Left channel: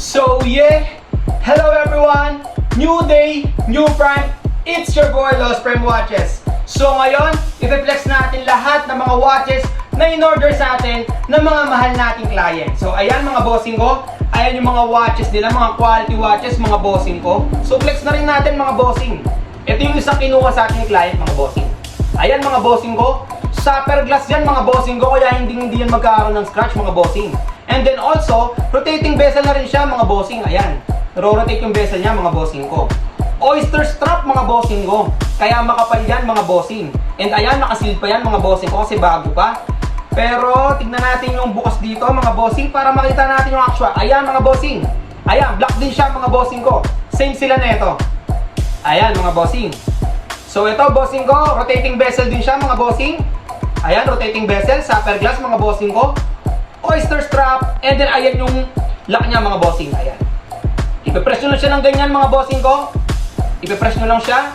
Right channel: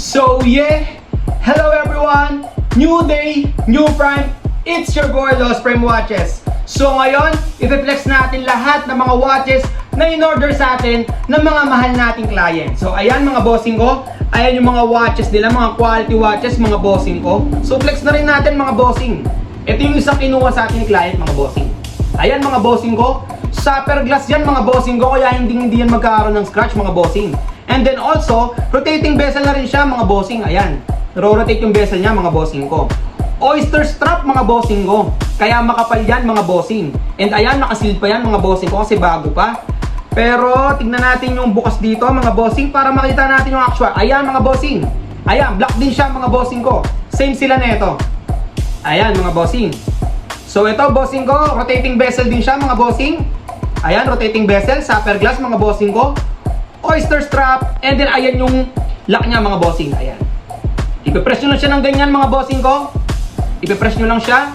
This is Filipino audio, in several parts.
So yeah, hello everyone! New day, new prime. It's your boy Lost Prime Watches. So ngayon, i-flex natin lahat ng mga watches na in-order sa atin ng mga mahal nating client. So ayan mga bossing ko, ayan yung mga watches nila, mga quality watches, mga bossing ko. So flex na rin natin mga bossing. Ito yung isang kinuha sa ating client mga bossing. Ayan mga bossing ko, Sapphire glass yan mga bossing ko, kaya hindi yan magkakaroon ng scratch mga bossing. And then also, rotating bezel na rin siya mga bossing. Ayan, naro-rotate yung bezel niya mga bossing ko. Oyster strap mga bossing ko, kaya makapal yan mga bossing. And ayan, nakaseal pa yan mga bossing ko kasi bago pa. Pero tignan natin yung bukas dito mga bossing para makita natin yung actual. Ayan mga bossing, ayan, black din siya mga bossing ko. Same sila neto. Ayan mga bossing. So ito bossing ko, rotating bezel din siya mga bossing. Ayan, rotating bezel, sapphire glass mga bossing ko. Oyster strap, and then ayan yung lock niya mga bossing. Ayan, ipipress nyo lang siya ng ganyan mga bossing ko. Ipipress nyo lang siya.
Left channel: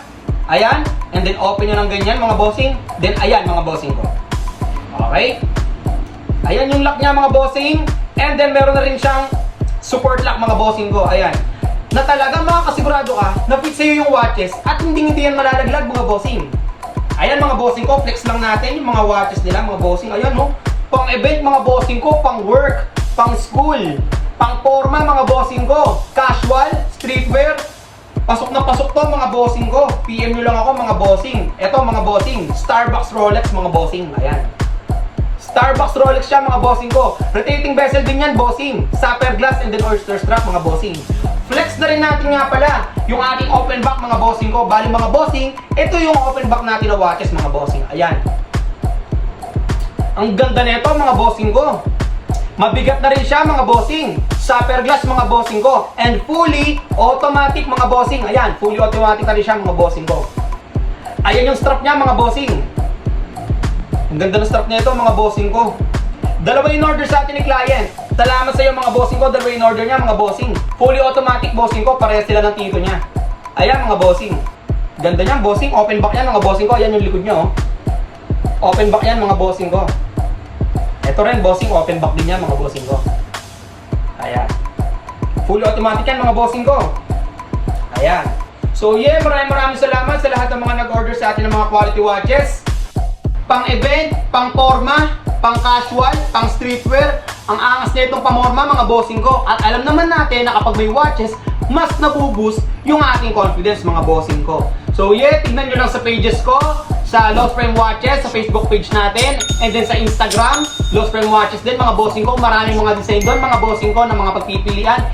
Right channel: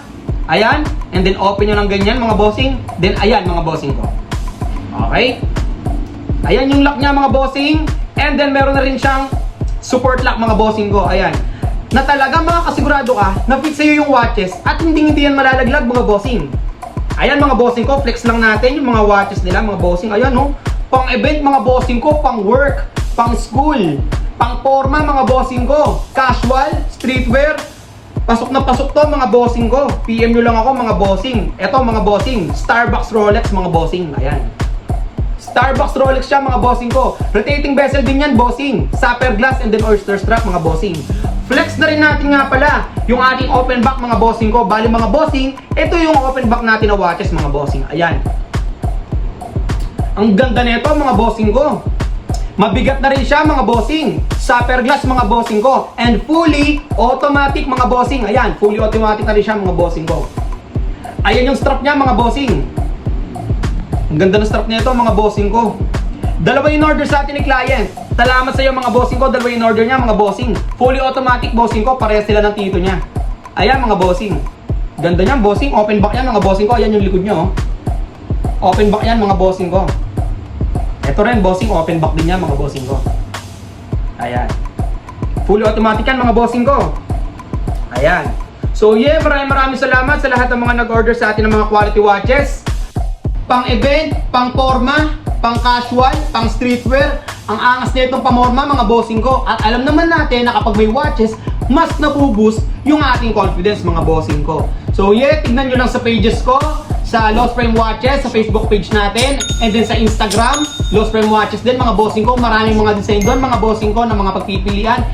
Ayan, and then open nyo ng ganyan mga bossing. Then ayan mga bossing ko. Okay, ayan yung lock niya mga bossing. And then meron na rin siyang support lock mga bossing ko. Ayan, na talaga makakasigurado ka na fit sa'yo yung watches at hindi yan malalaglag mga bossing. Ayan mga bossing ko, flex lang natin yung mga watches nila mga bossing. Ayan no, pang event mga bossing ko, pang work, pang school, pang forma mga bossing ko, casual, streetwear. Pasok na pasok to mga bossing ko. PM nyo lang ako mga bossing. Eto mga bossing, Starbucks Rolex mga bossing. Ayan, Starbucks Rolex siya mga bossing ko. Rotating bezel din yan bossing. Sapphire glass and then oyster strap mga bossing. Flex na rin natin nga pala yung ating open back mga bossing ko. Bali mga bossing, ito yung open back natin na watches mga bossing. Ayan, ang ganda nito mga bossing ko. Mabigat na rin siya mga bossing. Sapphire glass mga bossing ko. And fully automatic mga bossing. Ayan, fully automatic na rin siya mga bossing ko. Ayan yung strap niya mga bossing. Ang ganda ng strap nito mga bossing ko. Dalawa yung order sa atin ni client. Salamat sa iyo mga bossing ko. Dalawa yung order niya mga bossing. Fully automatic bossing ko. Parehas sila ng tito niya. Ayan mga bossing. Ganda niyan bossing. Open back yan mga bossing ko. Ayan yung likod niya oh. Open back yan mga bossing ko. Ito rin bossing, open back din yan mga bossing ko. Ayan, fully automatic yan mga bossing ko. Ayan. So yeah, maraming salamat sa lahat ng mga nag-order sa atin ng mga quality watches. Pang event, pang forma, pang casual, pang streetwear. Ang angas nitong pamorma mga bossing ko. At alam naman natin na kapag may watches, mas nabuboost yung ating confidence mga bossing ko. So yeah, tignan nyo lang sa pages ko, sa Lost Prime Watches, sa Facebook page natin, and then sa Instagram, Lost Prime Watches din mga bossing ko. Maraming mga design doon mga bossing ko na mga pagpipilian.